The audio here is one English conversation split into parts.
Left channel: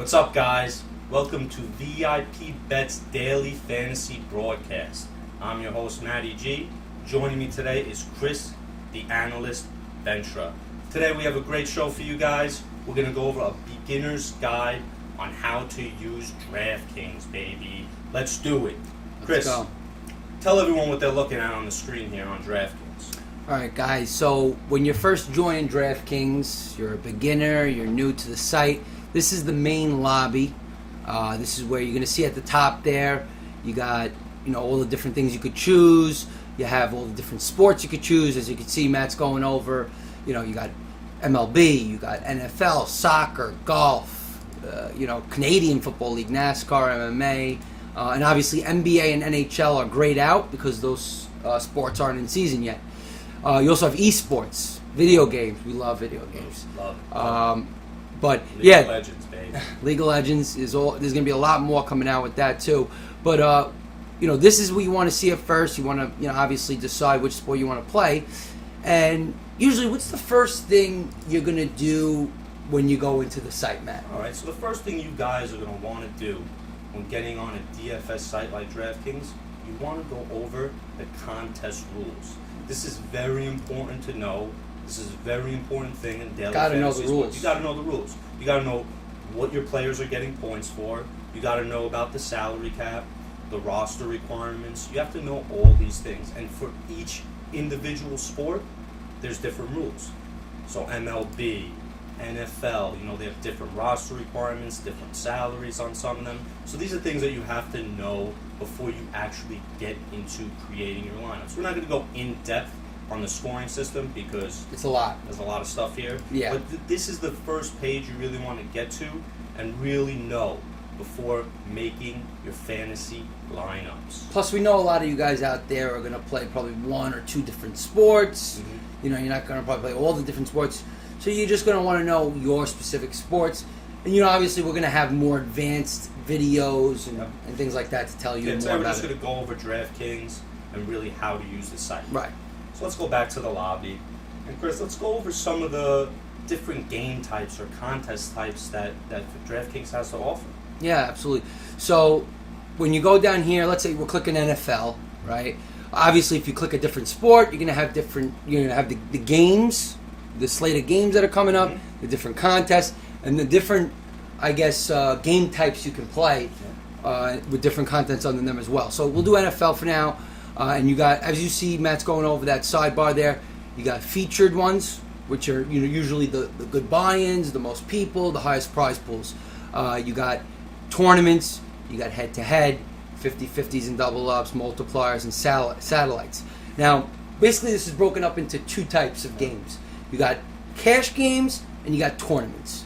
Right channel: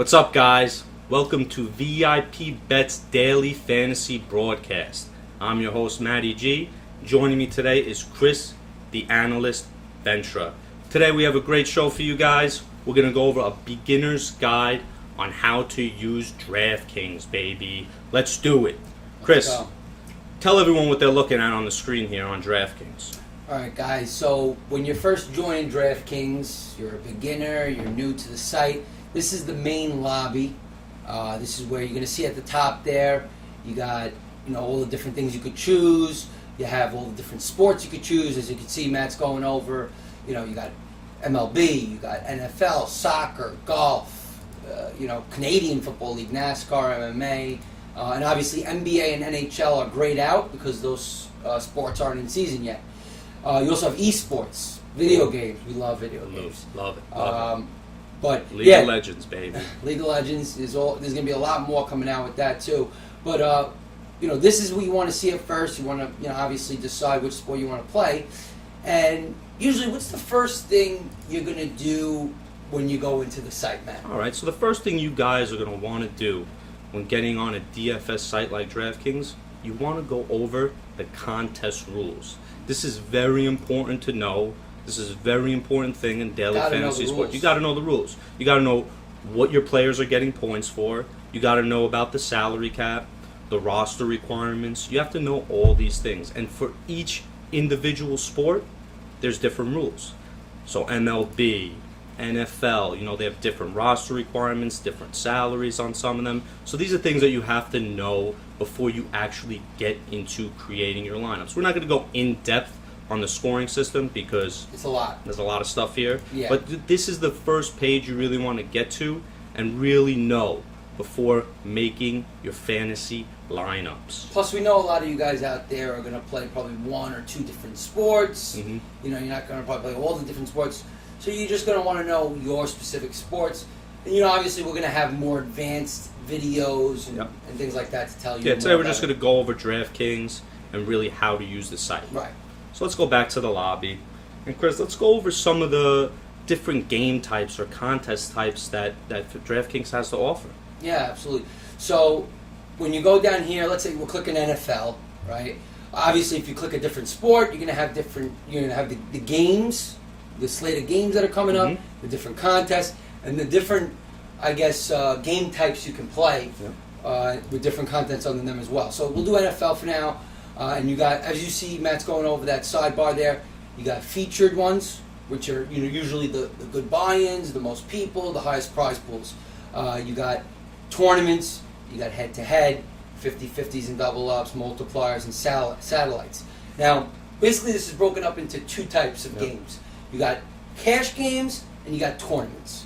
What's up, guys? Welcome to VIP-Bet's daily fantasy broadcast. I'm your host, Matty G. Joining me today is Chris, the analyst, Ventra. Today we have a great show for you guys. We're going to go over a beginner's guide on how to use DraftKings, baby. Let's do it. Chris, tell everyone what they're looking at on the screen here on DraftKings. Alright guys, so when you're first joining DraftKings, you're a beginner, you're new to the site, this is the main lobby. This is where you're going to see at the top there, you got all the different things you could choose. You have all the different sports you could choose. As you can see, Matt's going over, you got MLB, you got NFL, soccer, golf, Canadian Football League, NASCAR, MMA, and obviously NBA and NHL are grayed out because those sports aren't in season yet. You also have eSports, video games. We love video games. Love it. But League of Legends, baby. League of Legends is all. There's going to be a lot more coming out with that too. But this is what you want to see at first. You want to, obviously decide which sport you want to play. And usually, what's the first thing you're going to do when you go into the site, Matt? All right. So the first thing you guys are going to want to do when getting on a DFS site like DraftKings, you want to go over the contest rules. This is very important to know. This is a very important thing in daily fantasy sports. You got to know the rules. You got to know what your players are getting points for. You got to know about the salary cap, the roster requirements. You have to know all these things. And for each individual sport, there's different rules. So MLB, NFL, they have different roster requirements, different salaries on some of them. So these are things that you have to know before you actually get into creating your lineups. We're not going to go in depth on the scoring system because it's a lot. There's a lot of stuff here. Yeah. But this is the first page you really want to get to and really know before making your fantasy lineups. Plus, we know a lot of you guys out there are going to play probably one or two different sports. Mm-hmm. You're not going to probably play all the different sports. So you're just going to want to know your specific sports. And, obviously we're going to have more advanced videos and things like that to tell you. Yeah, today we're just going to go over DraftKings and really how to use the site. Right. So let's go back to the lobby. And Chris, let's go over some of the different game types or contest types that DraftKings has to offer. Yeah, absolutely. So when you go down here, let's say we're clicking NFL, right? Obviously, if you click a different sport, you're going to have the games, the slate of games that are coming up, the different contests, and the different, game types you can play with different contents under them as well. So we'll do NFL for now. And you got, as you see, Matt's going over that sidebar there. You got featured ones, which are usually the good buy-ins, the most people, the highest prize pools. You got tournaments, you got head-to-head, 50-50s and double-ups, multipliers, and satellites. Now, basically, this is broken up into two types of games. You got cash games and you got tournaments.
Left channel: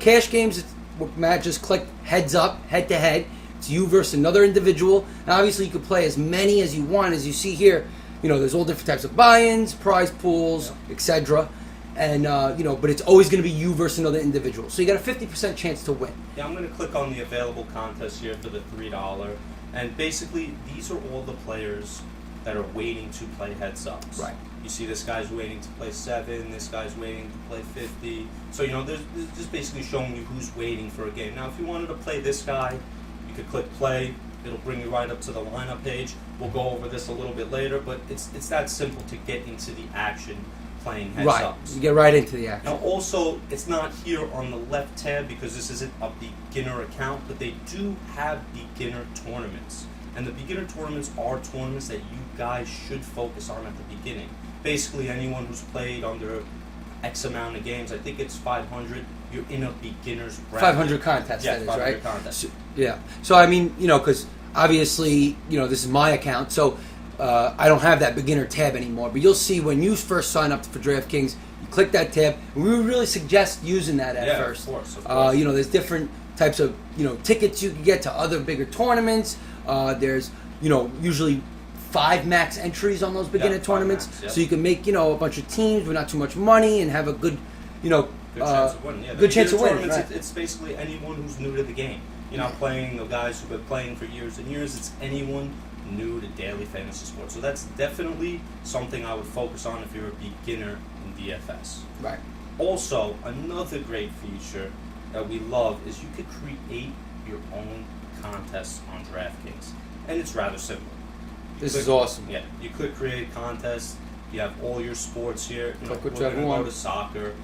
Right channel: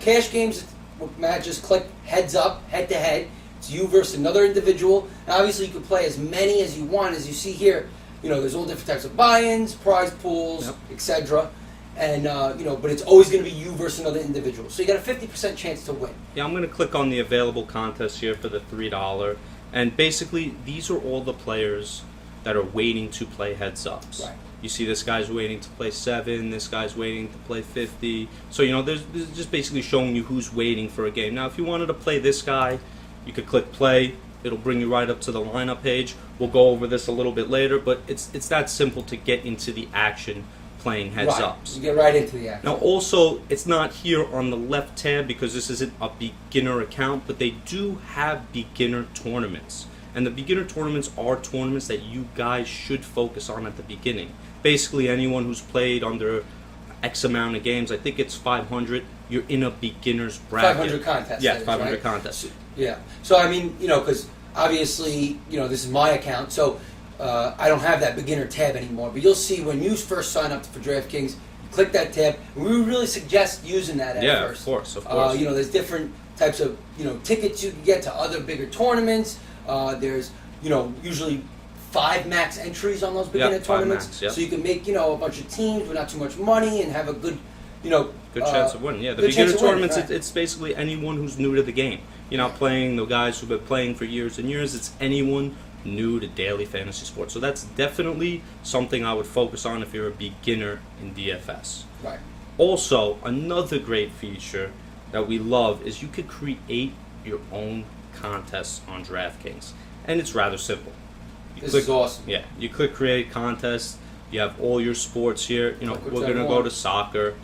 Cash games, what Matt just clicked, heads up, head-to-head. It's you versus another individual. And obviously, you can play as many as you want. As you see here, there's all different types of buy-ins, prize pools, etc. And, but it's always going to be you versus another individual. So you got a 50% chance to win. Yeah, I'm going to click on the available contests here for the $3. And basically, these are all the players that are waiting to play heads-ups. Right. You see this guy's waiting to play 7, this guy's waiting to play 50. So, this is just basically showing you who's waiting for a game. Now, if you wanted to play this guy, you could click play. It'll bring you right up to the lineup page. We'll go over this a little bit later, but it's that simple to get into the action playing heads-ups. Right, you get right into the action. Now also, it's not here on the left tab because this isn't a beginner account, but they do have beginner tournaments. And the beginner tournaments are tournaments that you guys should focus on at the beginning. Basically, anyone who's played under X amount of games, I think it's 500, you're in a beginner's bracket. 500 contests. Yeah, that is, 500 right? contests. Yeah. So, because obviously, this is my account, so I don't have that beginner tab anymore. But you'll see when you first sign up for DraftKings, you click that tab, and we really suggest using that at first. Yeah, of course. There's different types of, tickets you can get to other bigger tournaments. There's, usually 5 max entries on those beginner tournaments. Max, So you can make, a bunch of teams with not too much money and have a good, good chance of winning. Yeah, the beginner tournaments, it's basically anyone who's new to the game. You're not playing the guys who've been playing for years and years. It's anyone new to daily fantasy sports. So that's definitely something I would focus on if you're a beginner in DFS. Right. Also, another great feature that we love is you could create your own contests on DraftKings, and it's rather simple. This is awesome. Yeah, you click create contest. You have all your sports here. You know, Click we're going to whichever go one. to soccer,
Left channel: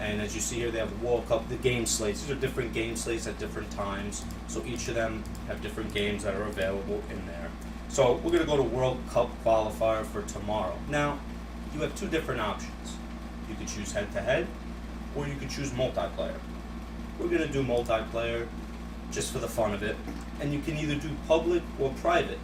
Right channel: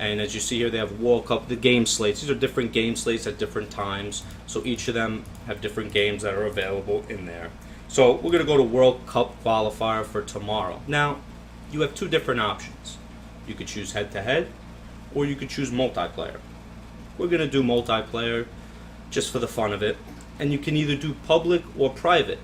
and as you see here, they have World Cup, the game slates. These are different game slates at different times, so each of them have different games that are available in there. So we're going to go to World Cup qualifier for tomorrow. Now, you have two different options. You could choose head-to-head, or you could choose multiplayer. We're going to do multiplayer just for the fun of it, and you can either do public or private.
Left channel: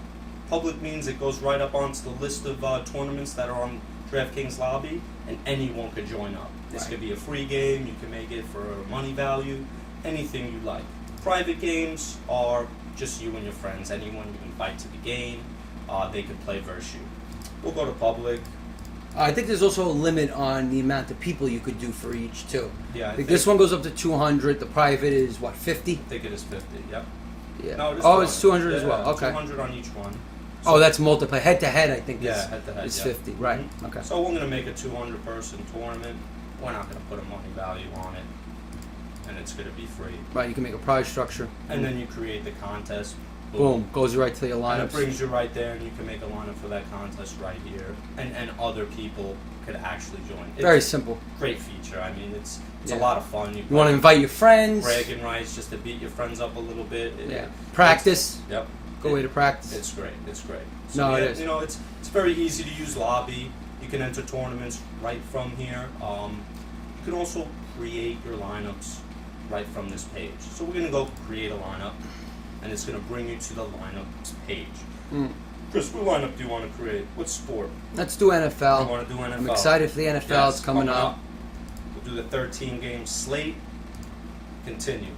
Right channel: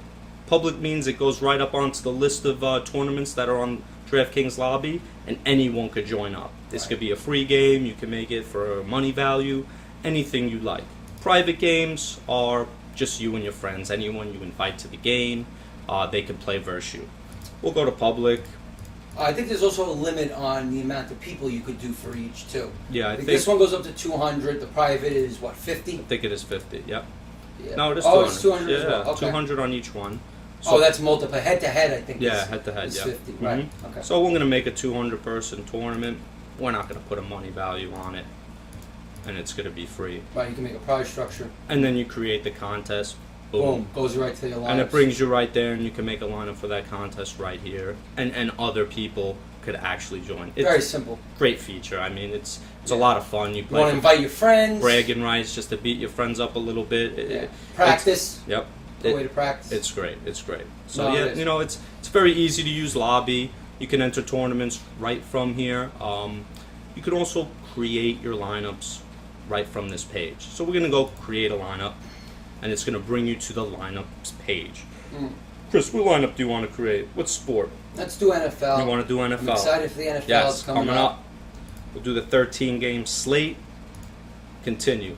Public means it goes right up onto the list of tournaments that are on DraftKings lobby, and anyone could join up. This Right. could be a free game, you can make it for money value, anything you like. Private games are just you and your friends. Anyone you invite to the game, they can play versus you. We'll go to public. I think there's also a limit on the amount of people you could do for each too. Yeah, I think this one goes up to 200. The private is what, 50? I think it is 50, yep. Yeah. No, it is oh, it's 200 as Yeah, well. Okay. 200 on each one. Oh, that's multiplayer. Head to head, I think. Yeah, is, head to head, is yeah. 50. Right. Mhm. Okay. So we're going to make a 200-person tournament. We're not going to put a money value on it, and it's going to be free. Right. You can make a prize structure. And then you create the contest. Boom. Goes right to the alliance. And it brings you right there, and you can make a lineup for that contest right here. And other people could actually join. It's Very simple. a great feature. I mean, it's Yeah. a lot of fun. You You want to invite your friends. bragging rights just to beat your friends up a little bit. Yeah. Practice. Yep. Good way to practice. It's great. It's great. So No, it yeah, is. you know, it's very easy to use lobby. You can enter tournaments right from here. You can also create your lineups right from this page. So we're gonna go create a lineup, and it's gonna bring you to the lineups page. Mm. Chris, what lineup do you want to create? What sport? Let's do NFL. We want to do NFL. I'm excited for the NFL. Yes, It's coming up. We'll do the 13-game slate. Continue.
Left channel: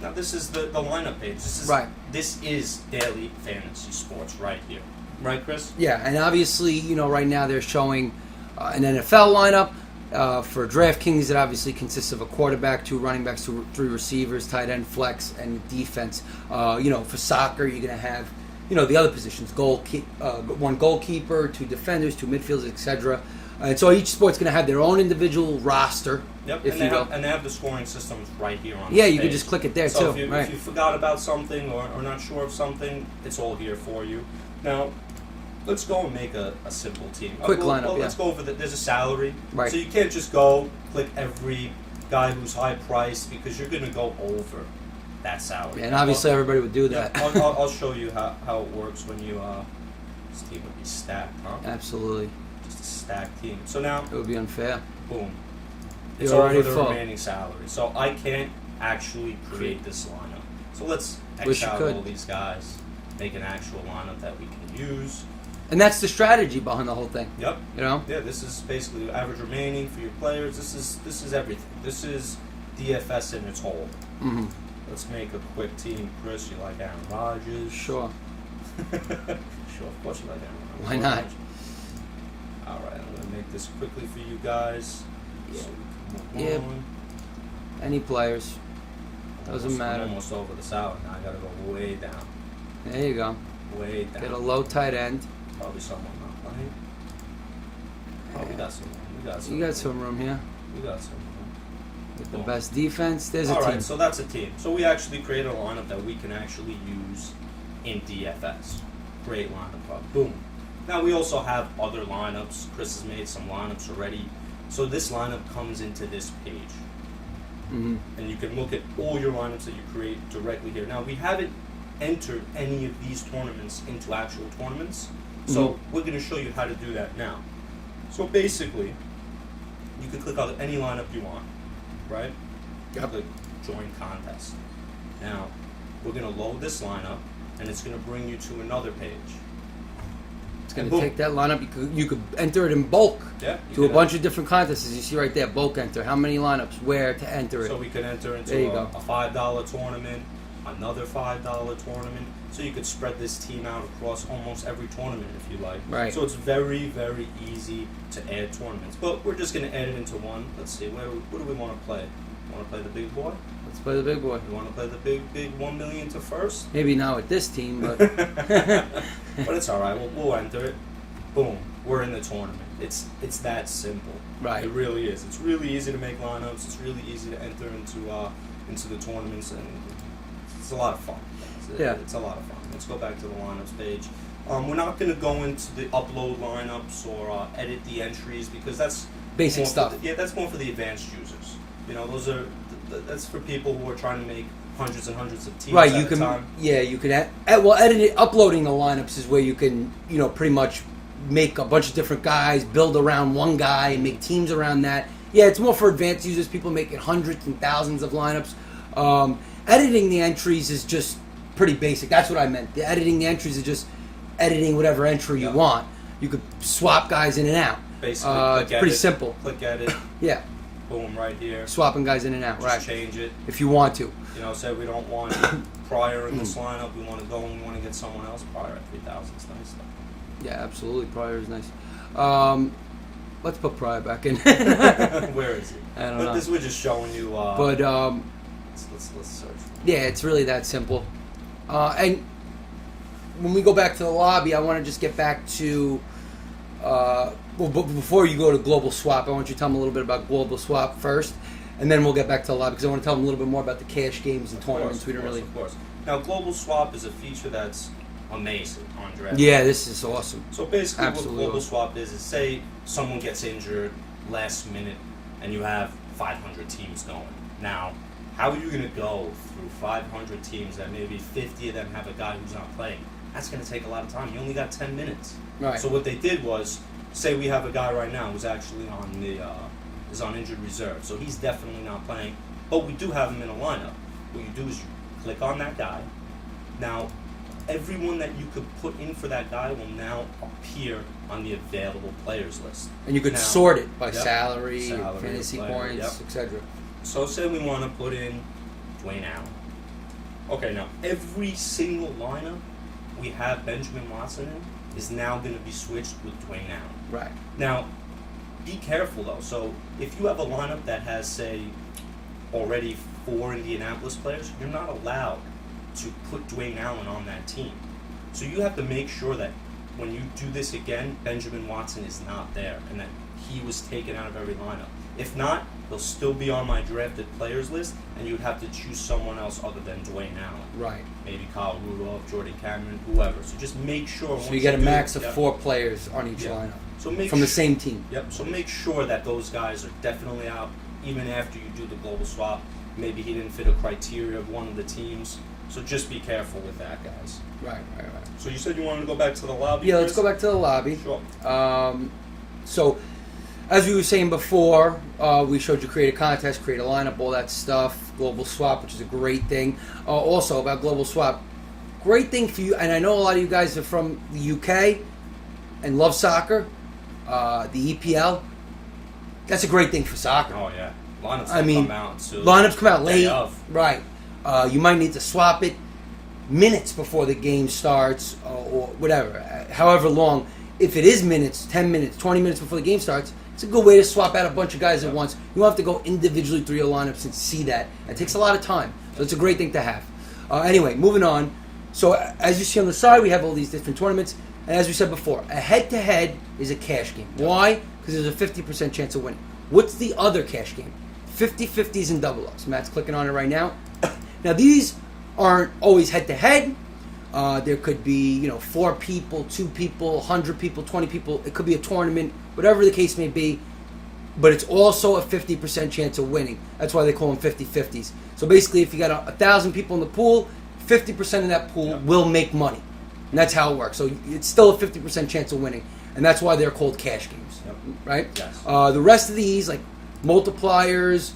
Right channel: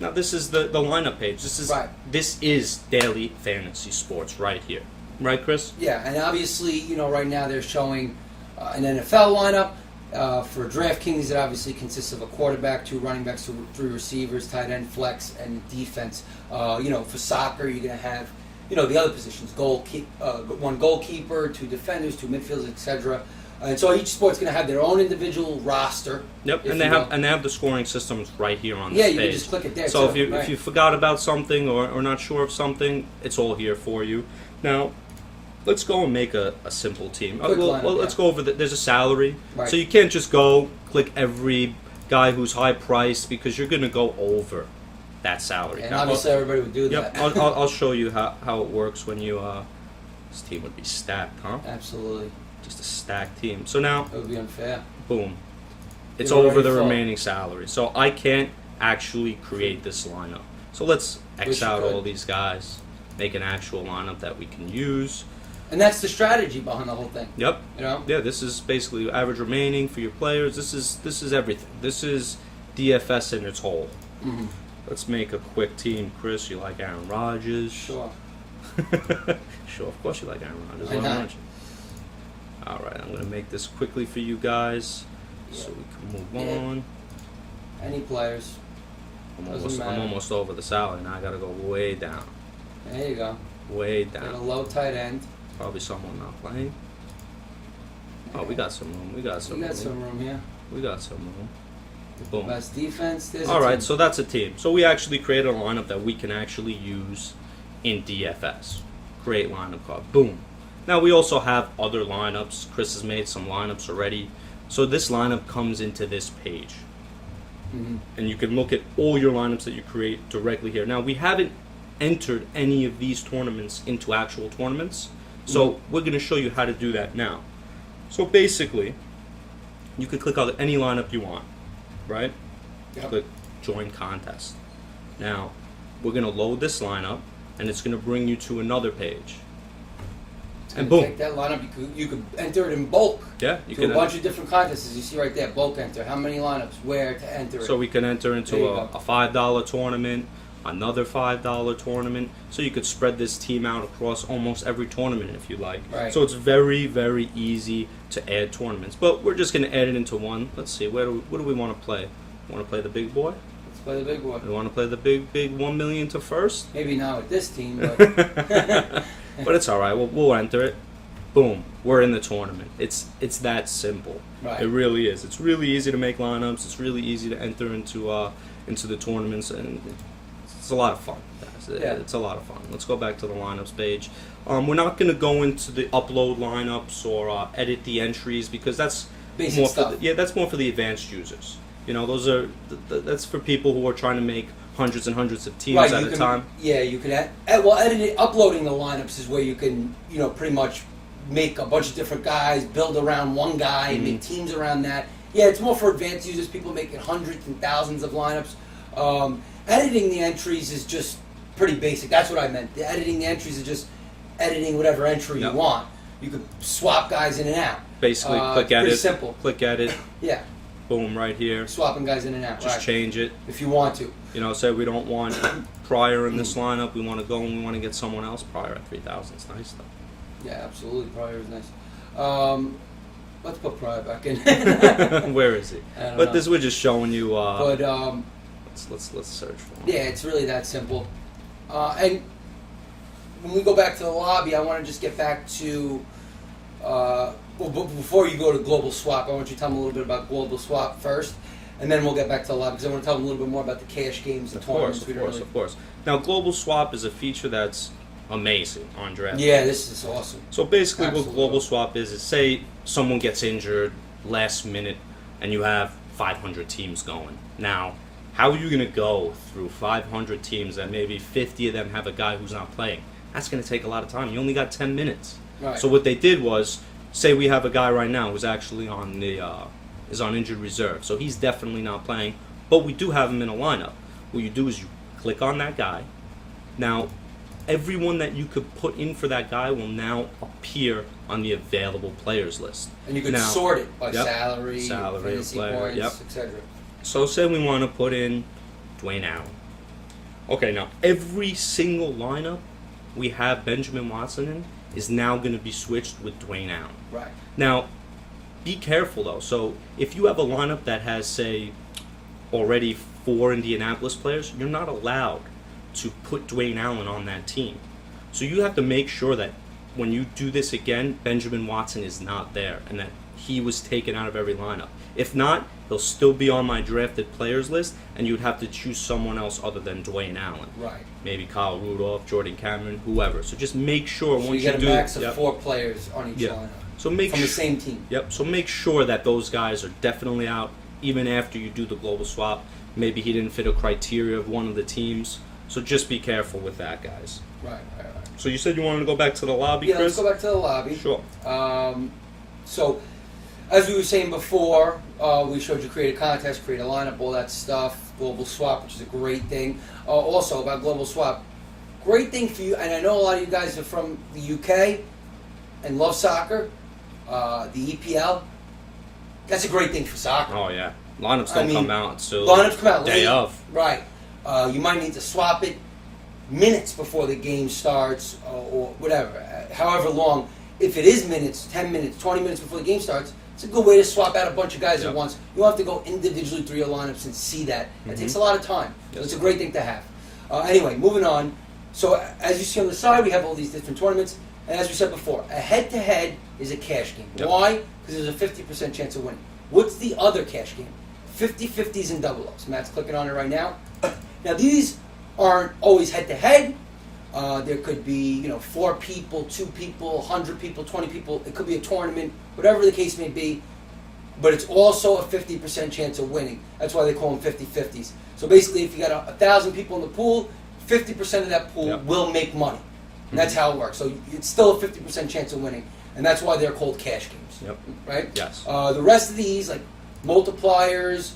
Now this is the lineup page. Right. This is daily fantasy sports right here. Right, Chris? Yeah, and obviously, you know, right now they're showing an NFL lineup. For DraftKings, it obviously consists of a quarterback, 2 running backs, 3 receivers, tight end, flex, and defense. You know, for soccer, you're going to have, you know, the other positions: 1 goalkeeper, 2 defenders, 2 midfielders, etc. And so each sport's going to have their own individual roster. Yep, if and they you have will. the scoring systems right here on Yeah, this you page. can just click it there So too. if you forgot about something or not sure of something, it's all here for you. Now, let's go and make a simple team. Quick lineup, Let's go over there's a salary. Right. So you can't just go click every guy who's high priced because you're going to go over that salary. And obviously, everybody would do Yep, that. I'll show you how it works when you. This team would be stacked, huh? Absolutely, Just a stacked team. So now, it would be unfair. boom. It's You're over already the full. remaining salary. So I can't actually create this lineup. So let's Wish X you out could. all these guys, make an actual lineup that we can use. And that's the strategy behind the whole thing. Yep. You know. Yeah, this is basically average remaining for your players. This is everything. This is DFS in its whole. Mm-hmm. Let's make a quick team. Chris, you like Aaron Rodgers? Sure. Sure, of course you like Aaron Rodgers. Why not? Alright, I'm going to make this quickly for you guys Yeah. so we can move Yeah. on. Any players. Doesn't I'm matter. almost over the salary. Now I got to go way down. There you go. Way Get a down. low tight end. Probably someone not playing. Oh, we got some room. We got some You got room. some room here. We got some room. The Boom. best defense. There's a All right, team. so that's a team. So we actually created a lineup that we can actually use in DFS. Great lineup card. Boom. Now we also have other lineups. Chris has made some lineups already. So this lineup comes into this page. Mhm. And you can look at all your lineups that you create directly here. Now we haven't entered any of these tournaments into actual tournaments. So we're going to show you how to do that now. So basically, you can click on any lineup you want, right? Yep. Click join contest. Now, we're going to load this lineup, and it's going to bring you to another page. It's And gonna boom. take that lineup. You could enter it in bulk Yeah, you to a can bunch of different contests. As you see right there, bulk enter. How many lineups? Where to enter it? So we can enter There into you a go. $5 tournament, another $5 tournament. So you could spread this team out across almost every tournament if you like. Right. So it's very, very easy to add tournaments. But we're just going to add it into one. Let's see, what do we want to play? Want to play the big boy? Let's play the big boy. We want to play the big 1 million to first? Maybe not with this team, but But it's all right. We'll enter it. Boom. We're in the tournament. It's that simple. Right. It really is. It's really easy to make lineups. It's really easy to enter into into the tournaments, and it's a lot of fun. Yeah. It's a lot of fun. Let's go back to the lineups page. We're not going to go into the upload lineups or edit the entries because that's Basic more stuff. that's more for the advanced users. You know, those are that's for people who are trying to make hundreds and hundreds of teams Right, at you a can. time. Yeah, you can. Uploading the lineups is where you can, pretty much make a bunch of different guys, build around one guy, and make teams around that. Yeah, it's more for advanced users, people making hundreds and thousands of lineups. Editing the entries is just pretty basic. That's what I meant. Editing the entries is just editing whatever entry you want. You could swap guys in and out. Basically, click edit. Pretty simple. Click edit. Yeah, Boom, right here. swapping guys in and out. Just Right. change it. If you want to. You know, say we don't want Pryor in this lineup. We want to go and we want to get someone else. Pryor at 3,000 is nice though. Yeah, absolutely. Pryor is nice. Let's put Pryor back in. Where is he? I don't But know. this we're just showing you. But let's search for him. yeah, it's really that simple. And when we go back to the lobby, I want to just get back to. Before you go to Global Swap, I want you to tell them a little bit about Global Swap first, and then we'll get back to the lobby because I want to tell them a little bit more about the cash games and tournaments. Of course. Now, Global Swap is a feature that's amazing on DraftKings. Yeah, this is awesome. So basically, Absolutely. what Global Swap is say someone gets injured last minute, and you have 500 teams going. Now, how are you going to go through 500 teams and maybe 50 of them have a guy who's not playing? That's going to take a lot of time. You only got 10 minutes. Right. So what they did was, say we have a guy right now who's actually on the is on injured reserve, so he's definitely not playing. But we do have him in a lineup. What you do is you click on that guy. Now, everyone that you could put in for that guy will now appear on the available players list. And you could Now- sort it by Yep. salary, Salary, fantasy player, points, yep. etc. So say we want to put in Dwayne Allen. Okay, now every single lineup we have Benjamin Watson in is now going to be switched with Dwayne Allen. Right. Now, be careful though. So if you have a lineup that has, say, already 4 Indianapolis players, you're not allowed to put Dwayne Allen on that team. So you have to make sure that when you do this again, Benjamin Watson is not there and that he was taken out of every lineup. If not, he'll still be on my drafted players list, and you'd have to choose someone else other than Dwayne Allen. Right. Maybe Kyle Rudolph, Jordan Cameron, whoever. So just make sure So once you get a do max of yep. 4 players on each Yeah. lineup So make from the su- same team. Yep. So make sure that those guys are definitely out, even after you do the global swap. Maybe he didn't fit a criteria of one of the teams. So just be careful with that, guys. Right. So you said you wanted to go back to the lobby, Yeah, Chris? let's go back to the lobby. Sure. So, as we were saying before, we showed you create a contest, create a lineup, all that stuff. Global Swap, which is a great thing. Also about Global Swap, great thing for you. And I know a lot of you guys are from the UK and love soccer, the EPL. That's a great thing for soccer. Oh yeah. Lineups don't come out until lineups come out day late. of. Right. You might need to swap it minutes before the game starts or whatever, however long. If it is minutes, 10 minutes, 20 minutes before the game starts, it's a good way to swap out a bunch of guys at once. You don't have to go individually through your lineups and see that. It takes a lot of time. So it's a great thing to have. Anyway, moving on. So as you see on the side, we have all these different tournaments. And as we said before, a head-to-head is a cash game. Yep. Why? Because there's a 50% chance of winning. What's the other cash game? 50-50s and double ups. Matt's clicking on it right now. Now these aren't always head-to-head. There could be, 4 people, 2 people, 100 people, 20 people. It could be a tournament, whatever the case may be. But it's also a 50% chance of winning. That's why they call them 50-50s. So basically, if you got 1,000 people in the pool, 50% of that pool will make money. And that's how it works. So it's still a 50% chance of winning. And that's why they're called cash games. Yep. Right? Yes. The rest of these, like multipliers,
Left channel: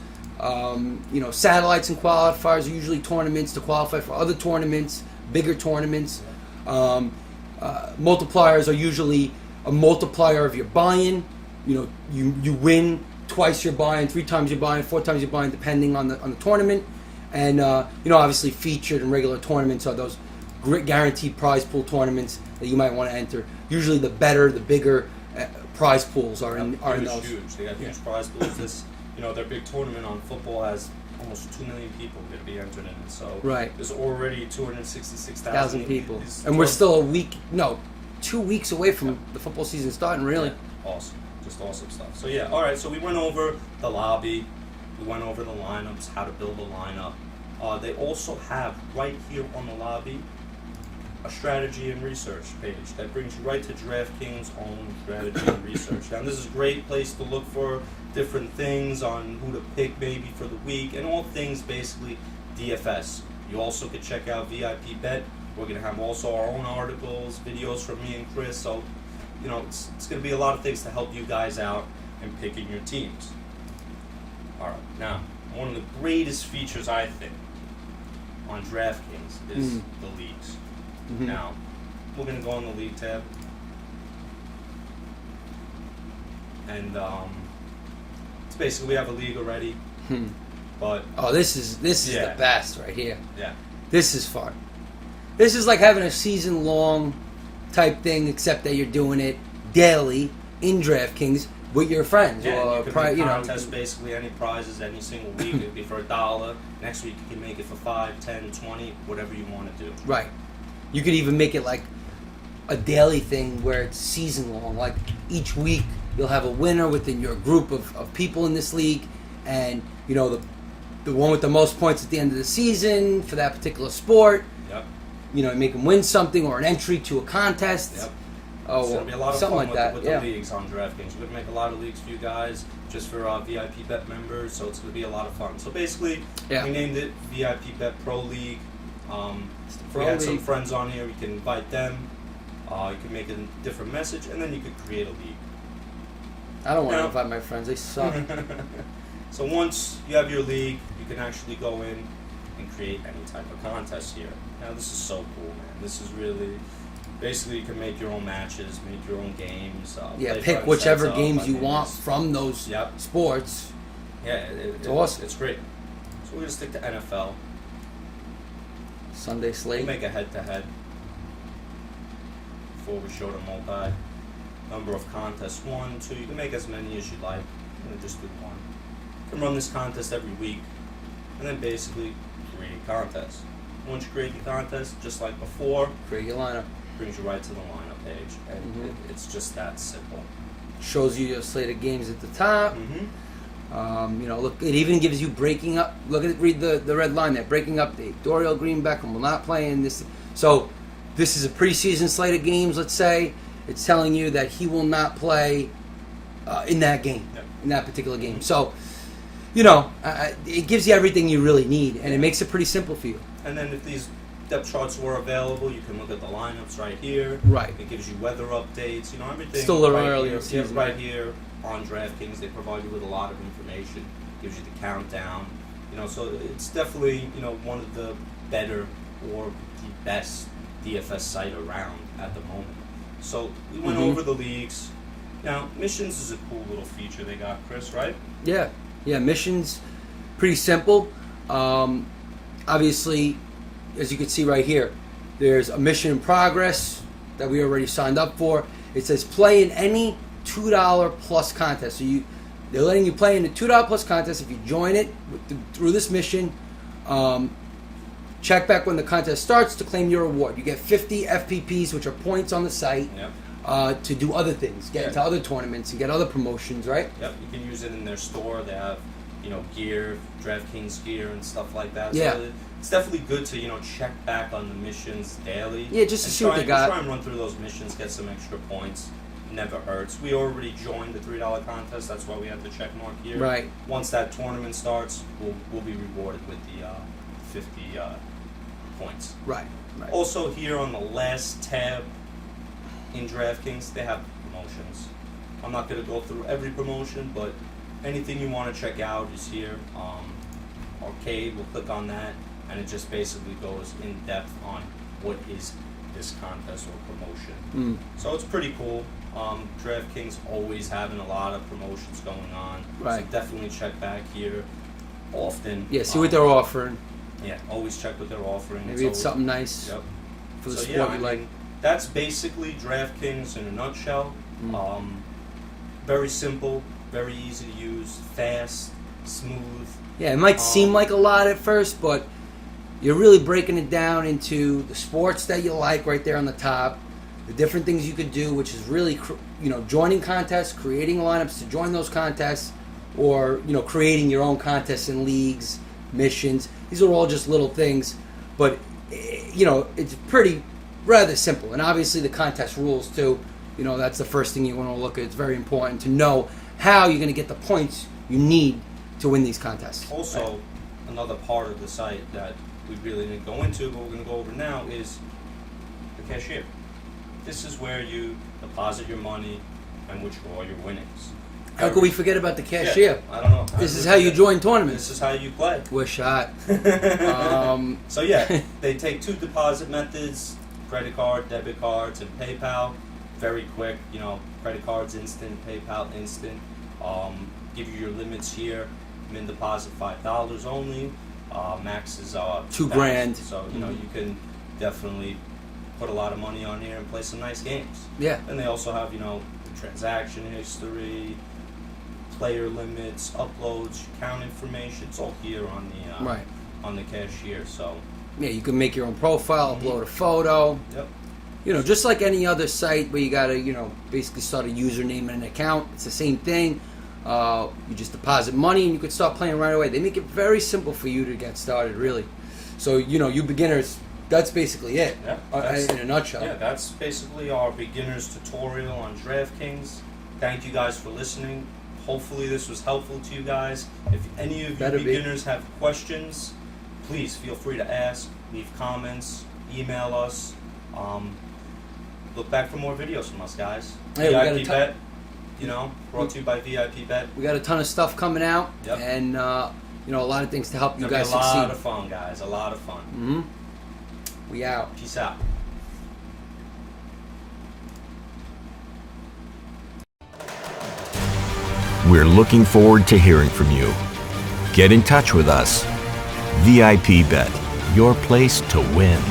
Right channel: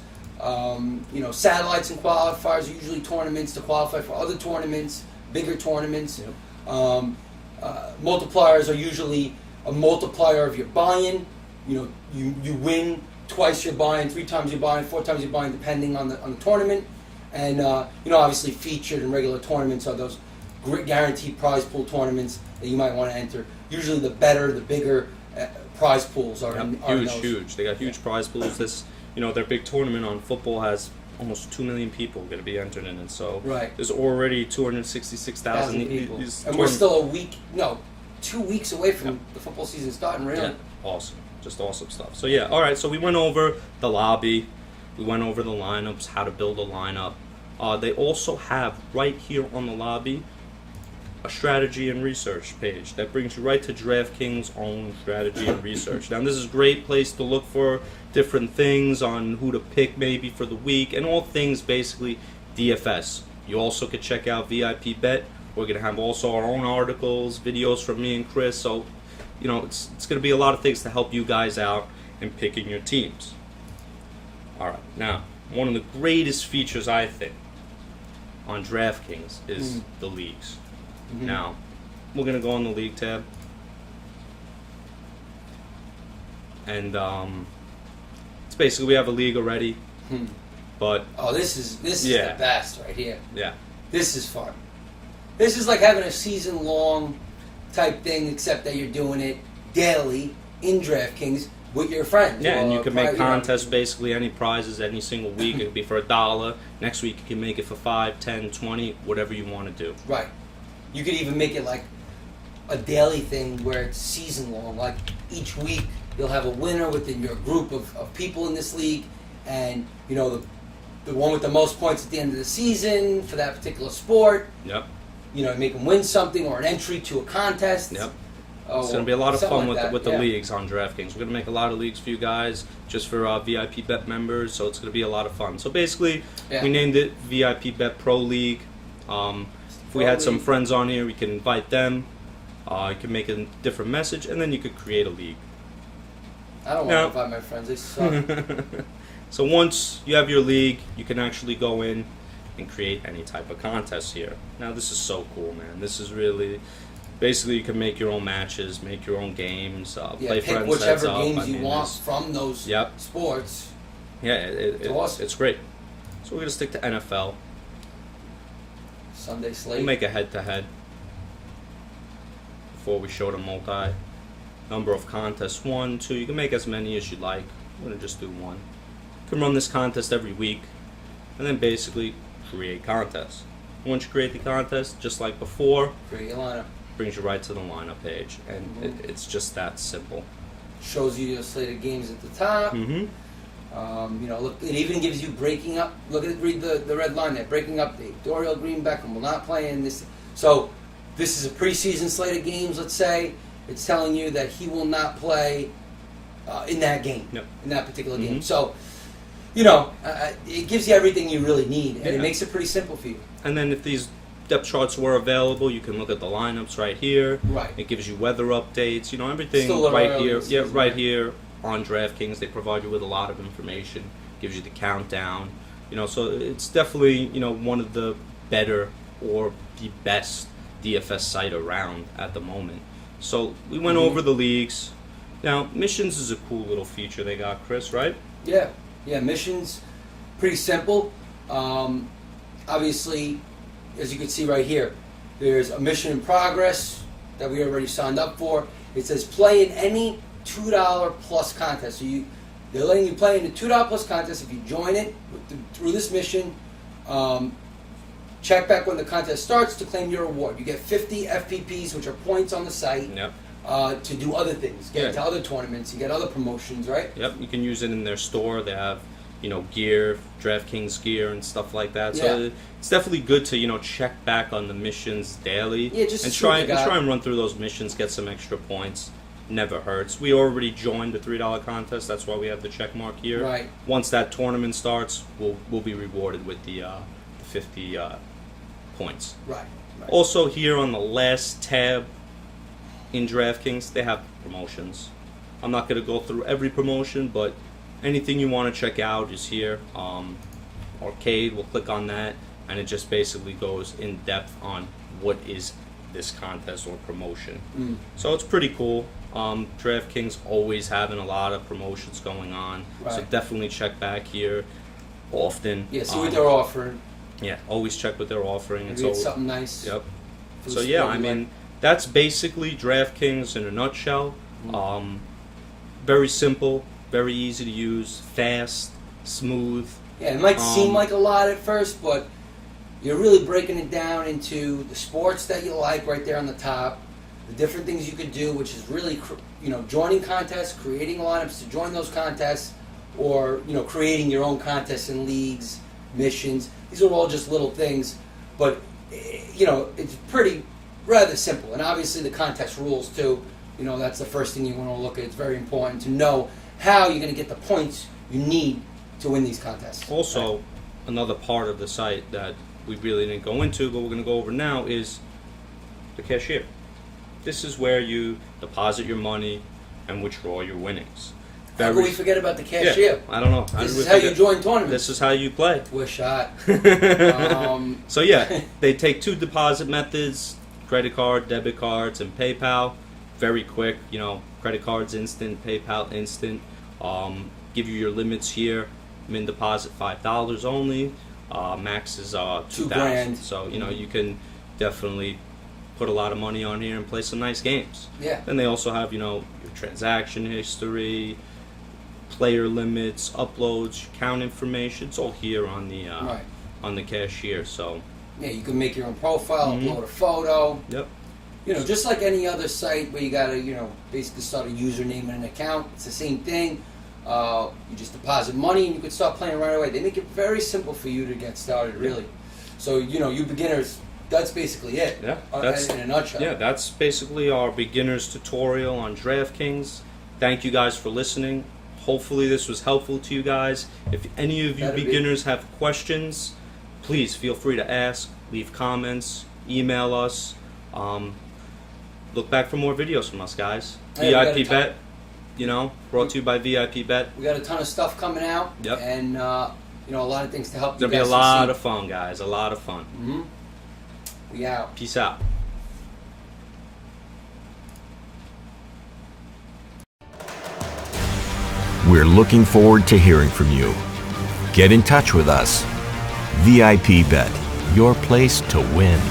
satellites and qualifiers, are usually tournaments to qualify for other tournaments, bigger tournaments. Multipliers are usually a multiplier of your buy-in. You win twice your buy-in, 3 times your buy-in, 4 times your buy-in, depending on the tournament. And obviously featured and regular tournaments are those great guaranteed prize pool tournaments that you might want to enter. Usually, the better, the bigger prize pools are in those. Huge. They got huge prize pools. Their big tournament on football has almost 2 million people going to be entered in it. So there's already 266,000 people. And we're still 2 weeks away from the football season starting, really. Yeah. Awesome. Just awesome stuff. So, yeah, all right. So we went over the lobby. We went over the lineups, how to build a lineup. They also have right here on the lobby a strategy and research page that brings you right to DraftKings' own strategy and research. Now, this is a great place to look for different things on who to pick maybe for the week and all things basically DFS. You also could check out VIP-Bet. We're going to have also our own articles, videos from me and Chris. So, you know, it's going to be a lot of things to help you guys out in picking your teams. All right. Now, one of the greatest features, I think, on DraftKings is the leagues. Now, we're going to go on the league tab. And it's basically we have a league already. But this is the best right here. Yeah. This is fun. This is like having a season-long type thing, except that you're doing it daily in DraftKings with your friends. Yeah, and you can make contests, basically any prizes any single week. It could be for $1. Next week you can make it for 5, 10, 20, whatever you want to do. Right. You could even make it like a daily thing where it's season-long. Like each week you'll have a winner within your group of people in this league, and you know the one with the most points at the end of the season for that particular sport. Yep. You know, make them win something or an entry to a contest. Yep. It's going to be a lot of fun like with the leagues on DraftKings. We're going to make a lot of leagues for you guys, just for VIP-Bet members, so it's going to be a lot of fun. So basically, we named it VIP-Bet Pro League. If we had some friends on here, we can invite them. You can make a different message, and then you could create a league. I don't want to invite my friends. They suck. So once you have your league, you can actually go in and create any type of contest here. Now, this is so cool, man. This is really... Basically, you can make your own matches, make your own games. Play pick whichever games you want from those sports. Yeah, it's awesome. It's great. So we're going to stick to NFL. Sunday slate. We'll make a head-to-head before we show the multi. Number of contests, 1, 2. You can make as many as you like. I'm going to just do 1. You can run this contest every week, and then basically create contests. Once you create the contest, just like before, create your lineup. Brings you right to the lineup page, and it's just that simple. Shows you your slate of games at the top. You know, look, it even gives you breaking up. Read the red line there. Breaking update. Dorial Green Beckham will not play in this. So this is a preseason slate of games. Let's say it's telling you that he will not play in that game, in that particular game. So, you know, it gives you everything you really need, and it makes it pretty simple for you. And then if these depth charts were available, you can look at the lineups right here. Right. It gives you weather updates, you know, everything Still right here. Right here on DraftKings. They provide you with a lot of information. Gives you the countdown. You know, so it's definitely, you know, one of the better or the best DFS site around at the moment. So we went over the leagues. Now, missions is a cool little feature they got, Chris, right? Yeah. Yeah, missions, pretty simple. Obviously, as you can see right here, there's a mission in progress that we already signed up for. It says play in any $2 plus contest. So they're letting you play in the $2 plus contest if you join it through this mission. Check back when the contest starts to claim your reward. You get 50 FPPs, which are points on the site, to do other things, get into other tournaments, you get other promotions, right? Yep, you can use it in their store. They have, you know, gear, DraftKings gear and stuff like that. So it's definitely good to, you know, check back on the missions daily. Yeah, just and to try and run through those missions, get some extra points. Never hurts. We already joined the $3 contest. That's why we have the check mark here. Right. Once that tournament starts, we'll be rewarded with the 50 points. Right. Also, here on the last tab in DraftKings, they have promotions. I'm not going to go through every promotion, but anything you want to check out is here. Arcade, we'll click on that, and it just basically goes in depth on what is this contest or promotion. So it's pretty cool. DraftKings always having a lot of promotions going on, so definitely check back here often. Yeah, see what they're offering. Yeah, always check what they're offering. Maybe it's something nice. Yep. So yeah, I mean, that's basically DraftKings in a nutshell. Very simple, very easy to use, fast, smooth. Yeah, it might seem like a lot at first, but you're really breaking it down into the sports that you like right there on the top, the different things you could do, which is really, you know, joining contests, creating lineups to join those contests, or creating your own contests and leagues, missions. These are all just little things, but it's pretty rather simple. And obviously the contest rules too. That's the first thing you want to look at. It's very important to know how you're going to get the points you need to win these contests. Also, another part of the site that we really didn't go into, but we're going to go over now, is the cashier. This is where you deposit your money and withdraw your winnings. How could we forget about the cashier? Yeah, I don't know. This is how you join tournaments. This is how you play. We're shot. So yeah, they take 2 deposit methods: credit card, debit cards, and PayPal. Very quick, credit cards instant, PayPal instant. Give you your limits here. Min deposit $5 only. Max is $2,000. So you can definitely put a lot of money on here and play some nice games. Yeah. Then they also have transaction history, player limits, uploads, account information. It's all here on the on the cashier. So yeah, you can make your own profile, upload a photo. Yep. Just like any other site where you gotta basically start a username and an account. It's the same thing. You just deposit money and you can start playing right away. They make it very simple for you to get started, really. So you beginners, that's basically it. Yeah. In a nutshell. Yeah, that's basically our beginner's tutorial on DraftKings. Thank you guys for listening. Hopefully this was helpful to you guys. If any of you beginners have questions, please feel free to ask, leave comments, email us. Look back for more videos from us, guys. Hey, VIP-Bet, brought to you by VIP-Bet. We got a ton of stuff coming out. Yep. And, a lot of things to help you It's guys going to be a lot succeed. of fun, guys. A lot of fun. Mm-hmm. We out. Peace out. We're looking forward to hearing from you. Get in touch with us. VIP Bet, your place to win.